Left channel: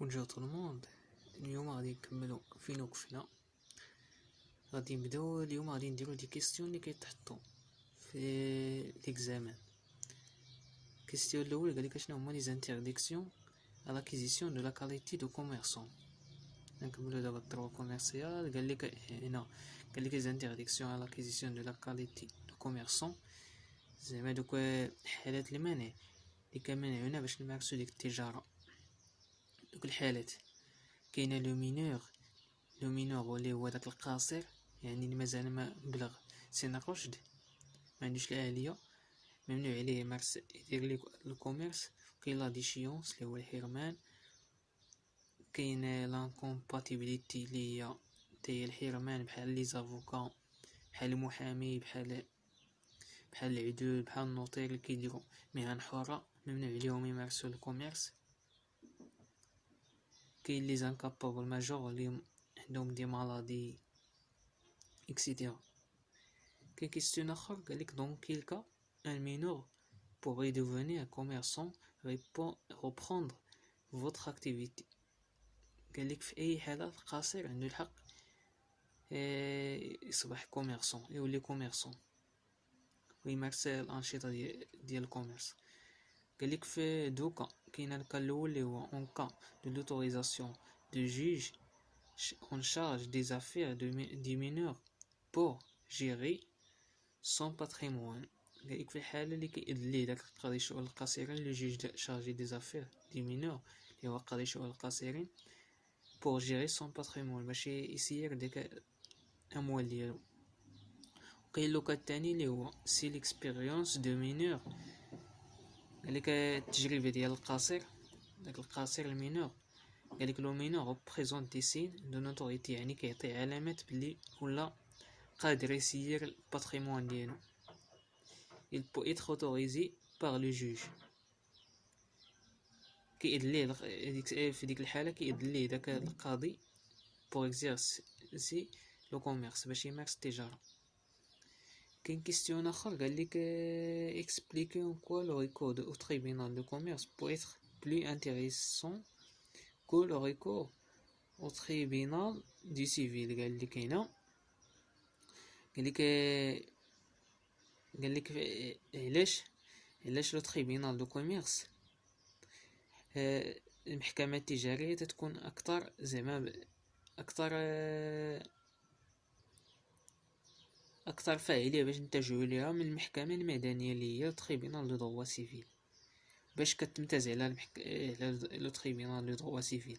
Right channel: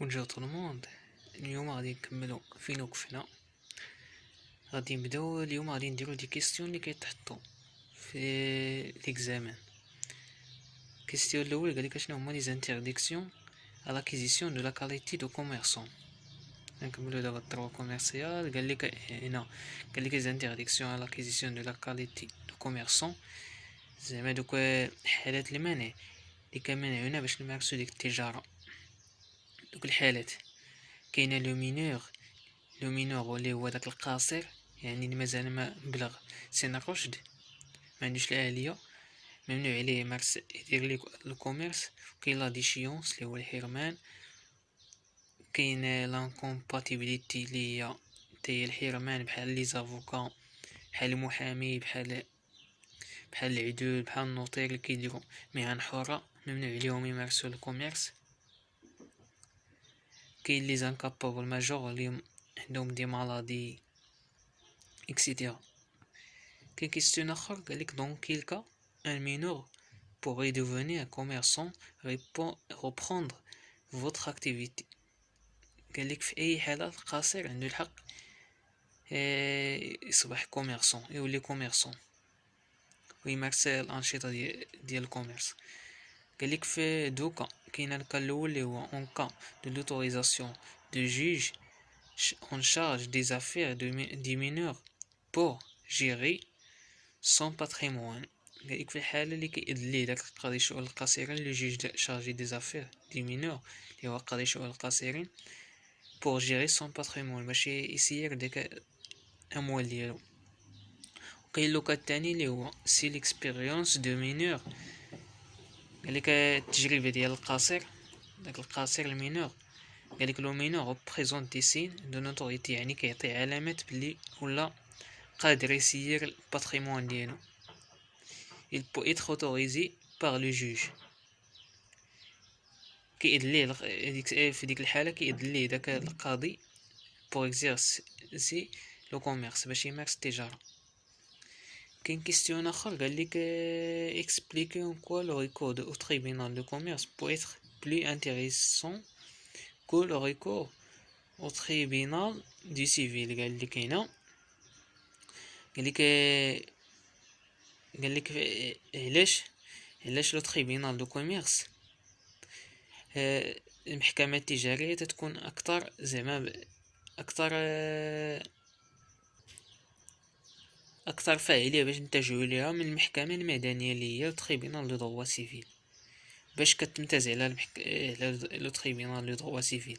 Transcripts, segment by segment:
بونجور تو الموند. اليوم غادي نكملو فين وقفنا. غادي نبداو اليوم، غادي نديرو دي كيستيون اللي كيتحطو في ليكزامان. كيستيون الاول قالك شنو هما لي زانترديكسيون à l'acquisition de la qualité de commerçant. نكملو دابا الدروا كوميرسيال. قالك هنا قالك les interdictions à l'acquisition de la qualité de commerçant، زعما دوك حالات المنع اللي كمنعونا باش نمارسو ديك التجارة. دوك الحالات كاينه لو مينور اللي هو داك القاصر، يعني اللي مازال ما بلغ سن الرشد، ما عندوش الآلية، ممنوع عليه يمارس يدير لي الكوميرس. كاين لا ديشيونس اللي هو الحرمان، كاين لانكومباتيبيليتي اللي هي تي الحرمان، بحال لي زافوكا، بحال المحامي، بحال العدول، بحال النوطير اللي كيديروا مهن حرة، ممنوع عليهم يمارسوا الكوميرس. كاين لي زانكابابل ماجور اللي عندهم دي مالادي اكسيتيرا. كاين كيستيون اخر قالك دون كيل كا un mineur pourrait devenir un commerçant reprendre votre activité. قالك في اي حالة القاصر عنده الحق يصبح كوميرسون، يولي كوميرسون ويمارس الانشطة ديال الكوميرس. قالك في دوكا كاين الكا الاول اللي هو اون كا دو لوتوريزاسيون دو جوج en charge des affaires des mineurs pour gérer son patrimoine. قالك في الحالة اللي كيأذن ليه داك القاضي الشؤون القصيرين اللي جوج شارجي دي زافير دي مينور، اللي هو قاضي الشؤون القصيرين، pour gérer son patrimoine، باش يسير داك الأموال ديالو. وكاين لوكا الثاني اللي هو سي ليكسبيريونس دو مينور، قالك التجربة ديال القاصر، داك القاصر المينور. قالك لو مينور représente des signes de notoriété، يعني كيعطي علامات بلي ولا قادر يسير الباتريمون ديالو. il peut être autorisé par le juge، كيأذن ليه في ديك الحالة كيأذن ليه داك القاضي pour exercer le commerce، باش يمارس التجارة. كاين كيستيون اخر قالك expliquer en quoi le recours au tribunal de commerce peut être plus intéressant que le recours au tribunal du civil. قالك هنا قالك علاش لو تريبينال دو كوميرس، المحكمة التجارية تتكون اكثر زعما اكثر فاعلية باش نتجهوا ليها من المحكمة المدنية اللي هي التريبينال دو دروا سيفيل. باش كتمتاز على لو تريبينال دو دروا سيفيل،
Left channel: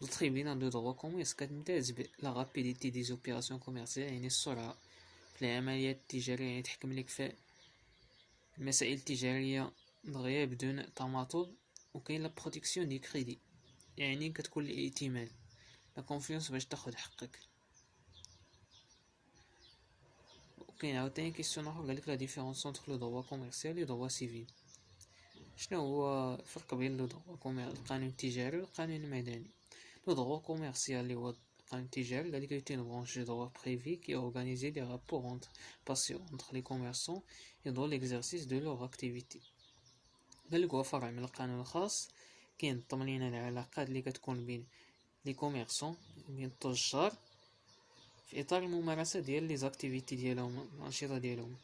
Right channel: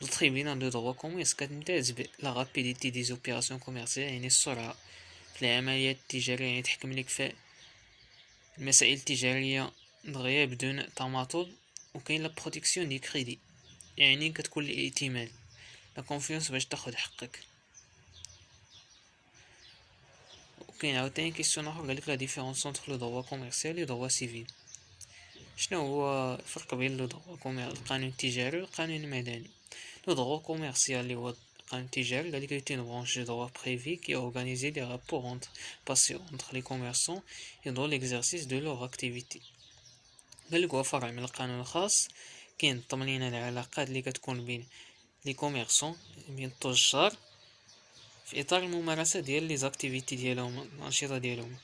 لو تريبينال دو دروا كوميرس كتمتاز لا رابيديتي دي زوبيراسيون كوميرسيال، يعني السرعة في العمليات التجارية، يعني تحكم لك في المسائل التجارية دغيا بدون تماطل. وكاين لا بروتيكسيون دي كريدي، يعني كتكون الائتمان، لا كونفيونس باش تاخد حقك. وكاين عاوتاني كيسيون اخر قالك لا ديفيرونس انتر لو دروا كوميرسيال و دروا سيفيل. شنو هو الفرق بين لو دروا القانون التجاري والقانون المدني؟ لو دروا كوميرسيال اللي هو القانون التجاري قالك اون برانش دو دروا بريفي كي اورغانيزي لي رابور انتر باسيون انتر لي كوميرسون et dans l'exercice de leur activité. قالك هو فرع من القانون الخاص كينظم لينا العلاقات اللي كتكون بين لي كوميرسون، بين التجار، في اطار الممارسه ديال لي زاكتيفيتي ديالهم، الانشطه ديالهم.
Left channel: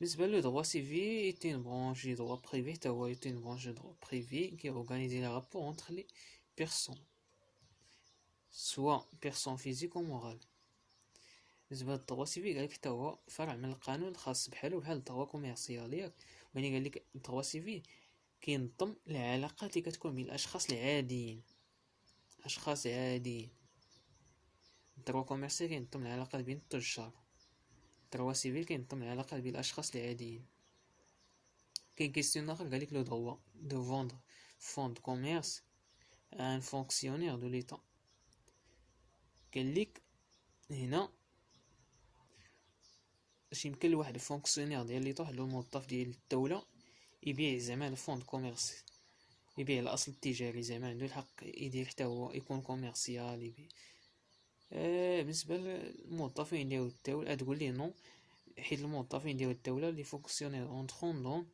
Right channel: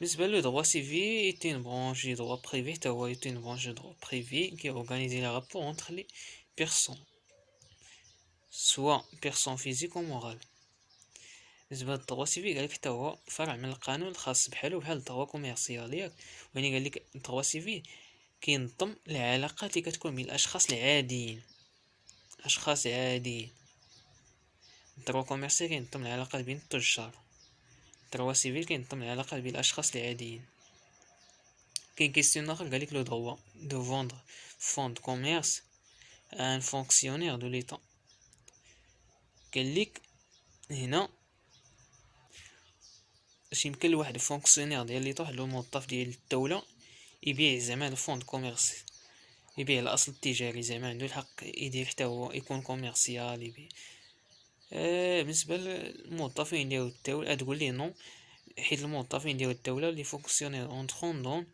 بالنسبه لو دروا سيفي ايتين برانش دو دروا بريفي، تا هو ايتين برانش دو دروا بريفي كي اورغانيزي لي رابور انتر لي بيرسون سوا بيرسون فيزيك و مورال. بالنسبه للدروا سيفي قالك حتى هو فرع من القانون الخاص بحال الدروا كوميرسيال ياك، يعني قالك الدروا سيفي كينظم العلاقات اللي كتكون بين الاشخاص العاديين، الدروا كوميرسيال كينظم العلاقات بين التجار، الدروا سيفيل كينظم العلاقات بين الاشخاص العاديين. كاين كيستيون اخر قالك لو دروا دو فوندر فون دو كوميرس ان فونكسيونير دو ليتا. قالك هنا باش يمكن لواحد الفونكسيونير ديال ليتا، واحد الموظف ديال الدوله، يبيع زعما الفوند كوميرسي، يبيع الاصل التجاري، زعما عنده الحق يدير حتى هو يكون كوميرسيال يبيع. بالنسبه للموظفين ديال الدوله تقول لي نو، حيت الموظفين ديال الدوله اللي فونكسيونير اونطرون دون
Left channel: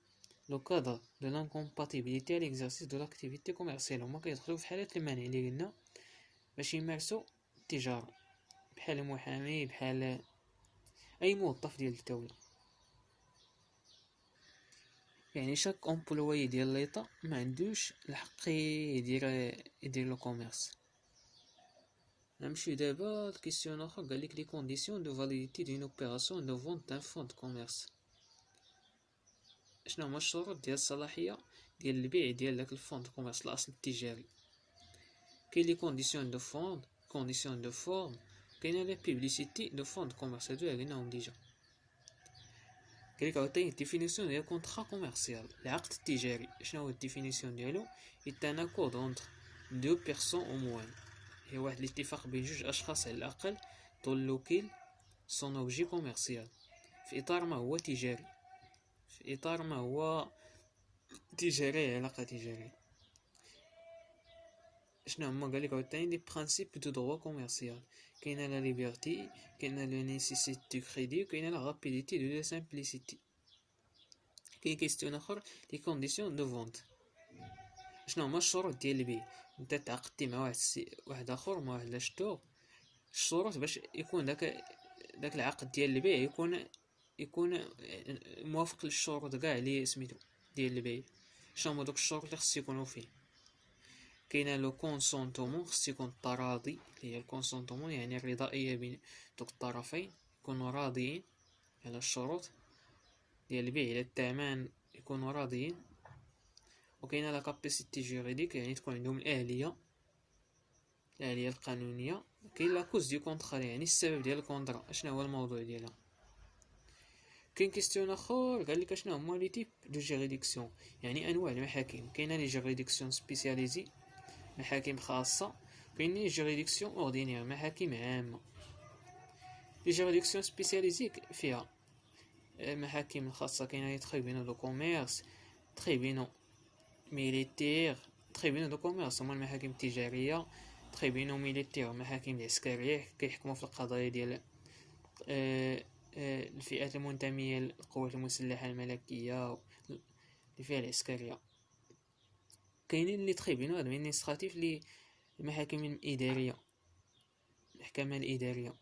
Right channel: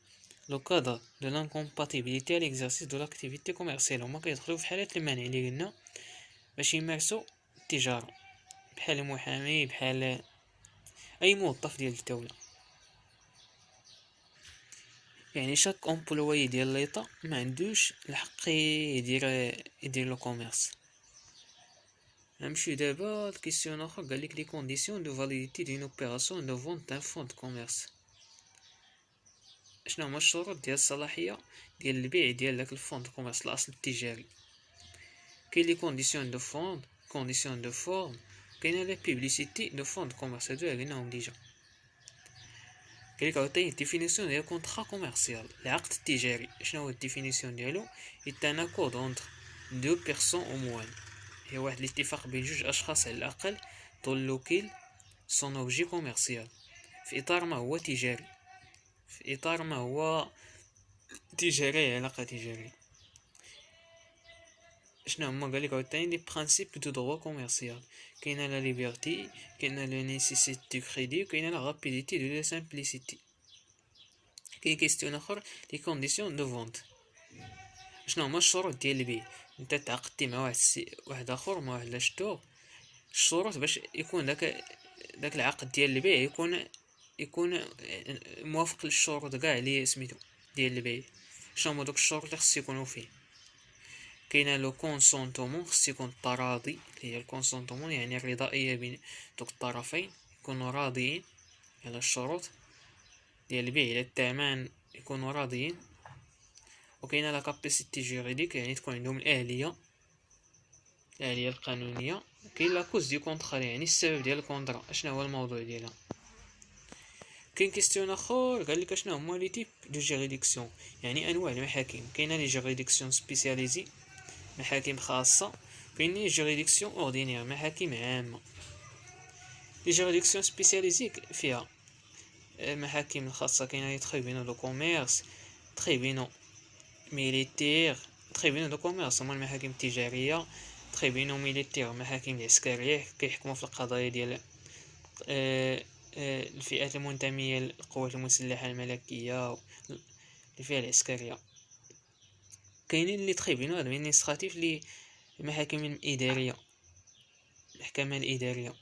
لو كادر دو لانكومباتيبيليتي على ليكزارسيس دو لاكتيفيتي كوميرسيال، هما كيدخلو في حالات المنع اللي قلنا باش يمارسو التجارة، بحال المحامي، بحال اي موظف ديال الدولة. يعني شاك امبلوي ديال ليطا ما عندوش الحق يدير لو كوميرس. نمشي دابا لكيسيون اخر، قالك لي كونديسيون دو فاليديتي دون اوبيراسيون دو فونت دان فون دو كوميرس. شنو هما الشروط ديال الصلاحيه ديال البيع ديال داك الفون دو كوميرس الاصل التجاري؟ كاين لي كونديسيون دو فون، كونديسيون دو فورم، كاينه لا بيبليسيتي دو فون دو كوميرس، هادو قلناهم ديجا. قالك عاوتاني ديفينيسيون ديال كونطرا كوميرسيال، العقد التجاري. شنو هو الديفينيسيون ديالو؟ يتانا كود اونتر دو بيرسون او موان، هي واحد الاتفاق بين جوج اشخاص على الاقل دون لوكيل سون اوبجي كوميرسيال، في اطار ما هو تجاري، في اطار ما هو تجاري، علاقه تجاريه. شنو هما؟ قالك عاوتاني لي برينسيپ دو دروا كوميرسيال، كاينه لا ليبرتي، كاينه لا نيسيسيتي دو كريدي، كاينه لا رابيديتي دو لا سامبليسيتي. كاين كيستيون اخر لي كونديسيون دو فونت. شنو هما الشروط ديال البيع؟ انت تعاقدتي مع واحد اخر، مع واحد لاشتور، الشروط باش يكون داك العقد ديال البيع يكون موافق للشروط كاع اللي سميتو ديال البيع. شنو هما دوك الشروط اللي خص يكونوا فيه؟ كاينه لو كونسونطومون، خص يكون التراضي، هي الكونسونطومون يعني الرضائيه بين دوك الطرفين، يكونوا راضيين على الشروط ديال البيع، الى الثمن يكونوا راضيين. وكاينه لا كاباسيتي جوريديك، يعني تكون عندهم الاهليه القانونيه. كاين لا كوز دي كونطرا، يعني السبب ديال الكونطرا، شنو هو الموضوع ديالها. كاين كيستيون اخر قال لك شنو هما لي تيب دو جيريديكسيون، يعني انواع المحاكم. كاينه لي جيريديكسيون سبيسياليزي، محاكم خاصه، كاين لي جيريديكسيون اوردينير، محاكم عامه. لي جيريديكسيون سبيسياليزي فيها المحاكم الخاصه، كاينه لي تريبينو دو كوميرس، تريبينو ميليتير، تريبينو دو كوميرس هما المحاكم التجاريه، تريبينو ميليتير محاكم العسكريه كيحكموا في القضايا ديال الفئات المنتميه للقوات المسلحه الملكيه اللي فيها العسكريه. كاينين لي تريبينو ادمينستراتيف، لي المحاكم الاداريه، المحكمه الاداريه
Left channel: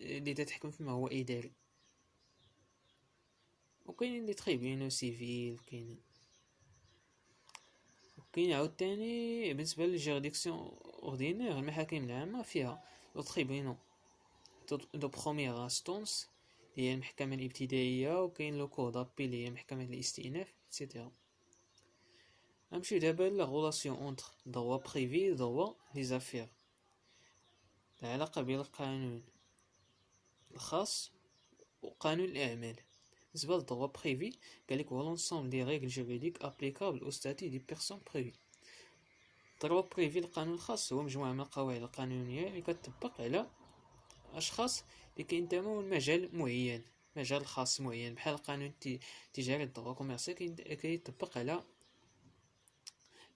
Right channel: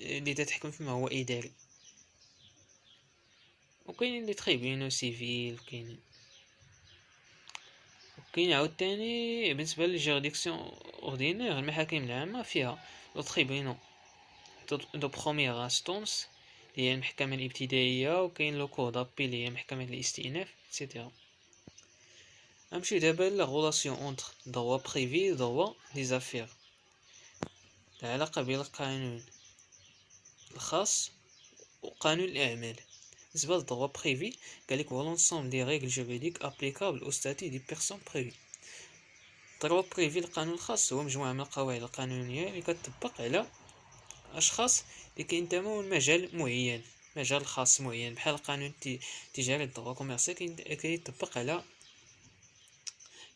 اللي تحكم فيما هو اداري. وكاينين لي تريبينو سيفيل. كاين عاوتاني بالنسبه للجيريديكسيون اوردينير، المحاكم العامه فيها لو تريبينو دو بروميير انستونس اللي هي المحكمه الابتدائيه، وكاين لو كور دابي اللي هي محكمه الاستئناف اكسيتيرا. نمشي دابا لا غولاسيون اونتر دروا بريفي دروا لي زافير، العلاقه بين القانون الخاص وقانون الاعمال. بالنسبه للدروا بريفي قالك هو لونسومبل دي ريغل جوريديك ابليكابل او ستاتي دي بيرسون بريفي. الدروا بريفي القانون الخاص هو مجموعه من القواعد القانونيه اللي كتطبق على اشخاص اللي كينتموا لمجال معين، مجال خاص معين، بحال القانون التجاري الدروا كوميرسيال كيطبق على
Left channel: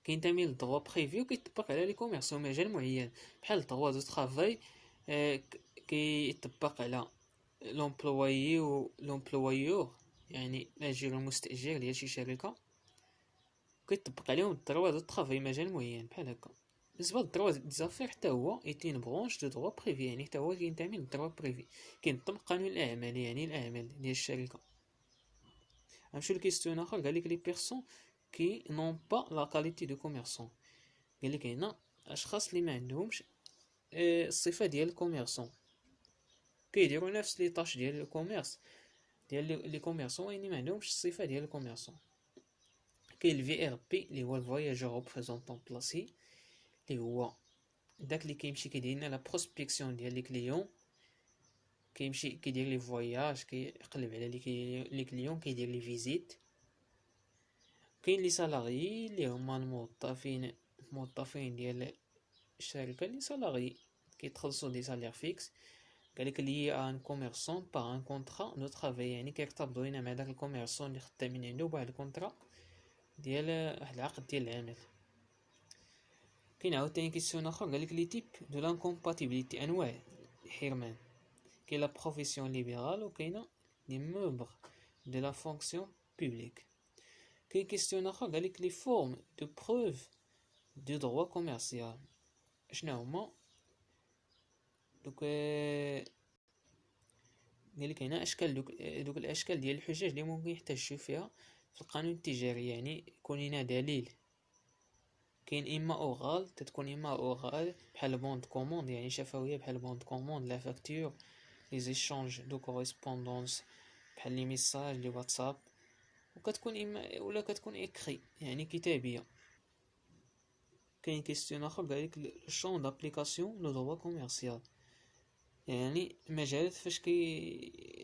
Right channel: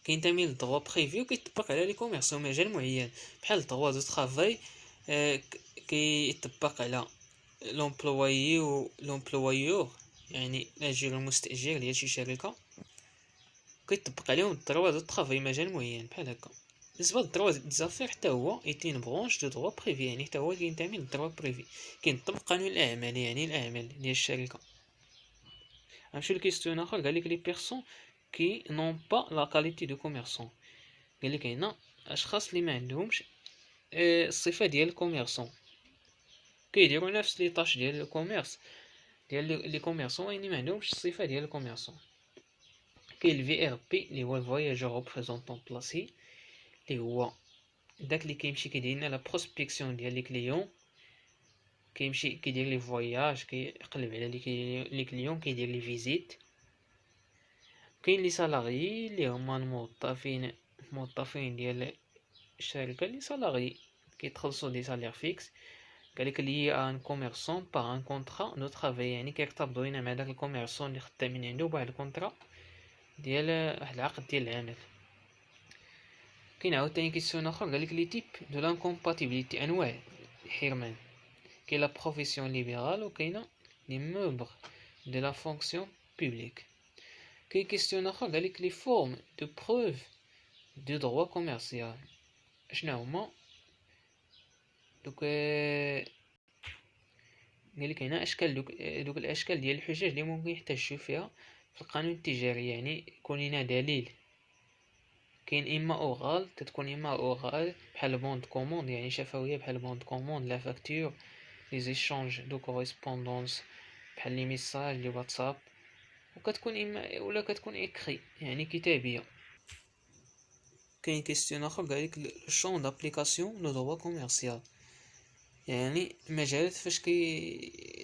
كينتمي للدروا بريفي وكيطبق على لي كوميرس مجال معين، بحال الدروا دو طرافاي كيطبق على لومبلويي و لومبلويور، يعني الاجير المستاجر ديال شي شركه كيطبق عليهم الدروا دو طرافاي مجال معين بحال هكا. بالنسبه للدروا دي زافير حتى هو ايتين برونش دو دروا بريفي، يعني حتى هو كينتمي للدروا بريفي، كينطبق قانون الاعمال يعني الاعمال ديال الشركه. غنمشيو لكيستيون اخر، قالك لي بيرسون كي نون با لا كاليتي دو كوميرسون. قالك هنا اشخاص اللي ما عندهمش الصفه ديال الكوميرسون، كيديروا نفس لي طاش ديال الكوميرس ديال لي كوميرسون، يعني ما عندهمش الصفه ديال الكوميرسون. كاين الفي ار بي اللي هو الفواياجور ريبريزونطون بلاسي، اللي هو داك اللي كيمشي كيدير لنا لا بروسبكسيون ديال لي كليون، كيمشي كيدير لي فواياج، كيقلب على لي كليون، كيدير لي فيزيت. كاين لي سالاريي اللي هما الموظفين ديال الشركه، لي سالاريي كيتخلصوا دي سالير فيكس. قالك لي ان كوميرسون با ان كونطرا دو طرافاي، يعني كيرتبطوا هنا مع داك الكوميرسون اللي خدامين عنده بواحد الكونطرا ديال واحد العقد ديال العمل. كاين عاوتاني كيسيون اخر، قالك لي تيب دو لانكومباتيبيليتي، انواع الحرمان. كاين لا بروفيسيون ليبرال وكاينه لي ممبر دو لا فونكسيون بوبليك. كاين كيستيون اخر قالك لي فورم دو بروف دو دروا كوميرسيال. شنو هما دوك؟ قالك هنا اشكال دوك الاشكال ديال الحجج اللي ممكن يحتاجوا فيها في القانون التجاري، يعني يكون لنا دليل. كاين اما اوغال، تتكون اما اوغال بحال بوند كوموند يعني شفويه، بحال بوند كوموند، لا فاكتور، لي زيشانج دو كوريسبوندونس بحال لي ميساج لي واتساب. وكتكون اما ولا كتكون اكري يعني كتابيه. كاين كيستيون اخر قالك الشون دابليكاسيون لو دروا كوميرسيال، يعني المجالات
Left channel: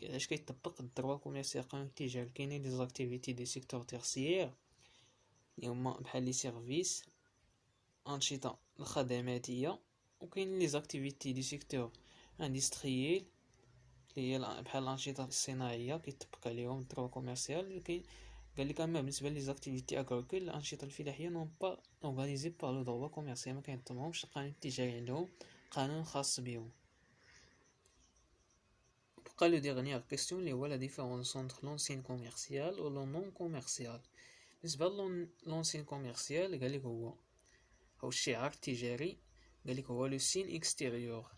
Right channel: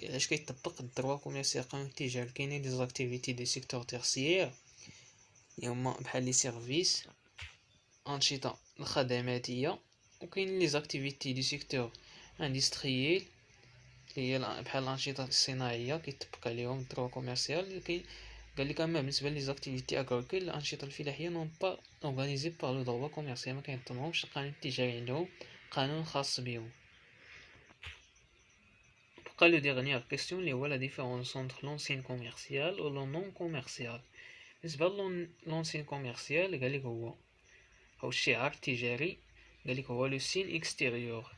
علاش كيطبق الدروا كوميرسيال قانون التجاري. كاينين لي زاكتيفيتي دي سيكتور تيرسيير اللي هما بحال لي سيرفيس، انشطه الخدماتيه. وكاين لي زاكتيفيتي دي سيكتور اندستريال اللي هي بحال الانشطه الصناعيه كيطبق عليهم الدروا كوميرسيال. كاين قالك اما بالنسبه لي زاكتيفيتي اغريكول الانشطه الفلاحيه نون با اورغانيزي بار لو دروا كوميرسيال، ما كينظمهمش القانون التجاري، عندهم قانون خاص بهم. بقى لو ديغنيير كيستيون اللي هو لا ديفيرونس انتر لونسين كوميرسيال و لو نون كوميرسيال. بالنسبه لونسين كوميرسيال قالك هو الشعار التجاري، قالك هو لو سين اكستيريور،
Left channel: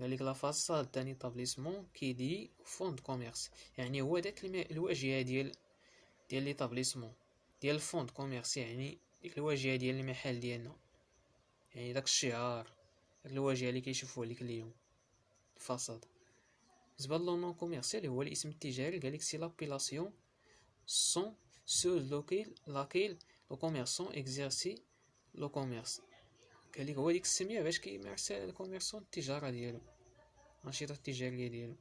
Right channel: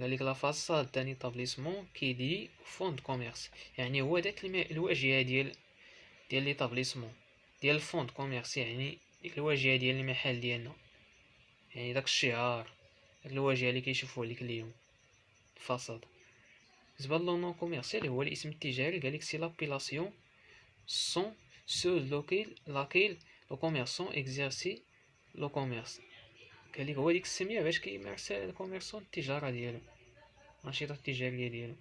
قالك لا فاصاد دان ايطابليسمون كيدي فون دو كوميرس، يعني هو داك الواجهه ديال ليطابليسمون ديال الفون دو كوميرس، يعني ديك الواجهه ديال المحل ديالنا، يعني داك الشعار، داك الواجهه اللي كيشوفوه عليك اليوم الفاصاد. بالنسبه لو نون كوميرسيال هو الاسم التجاري، قالك سي لابيلاسيون سون سو لاكيل لو كوميرسون اكزيرسي لو كوميرس، قالك هو ديك السميه باش كيمارس الكوميرسون التجاره ديالو، الانشطه التجاريه ديالو.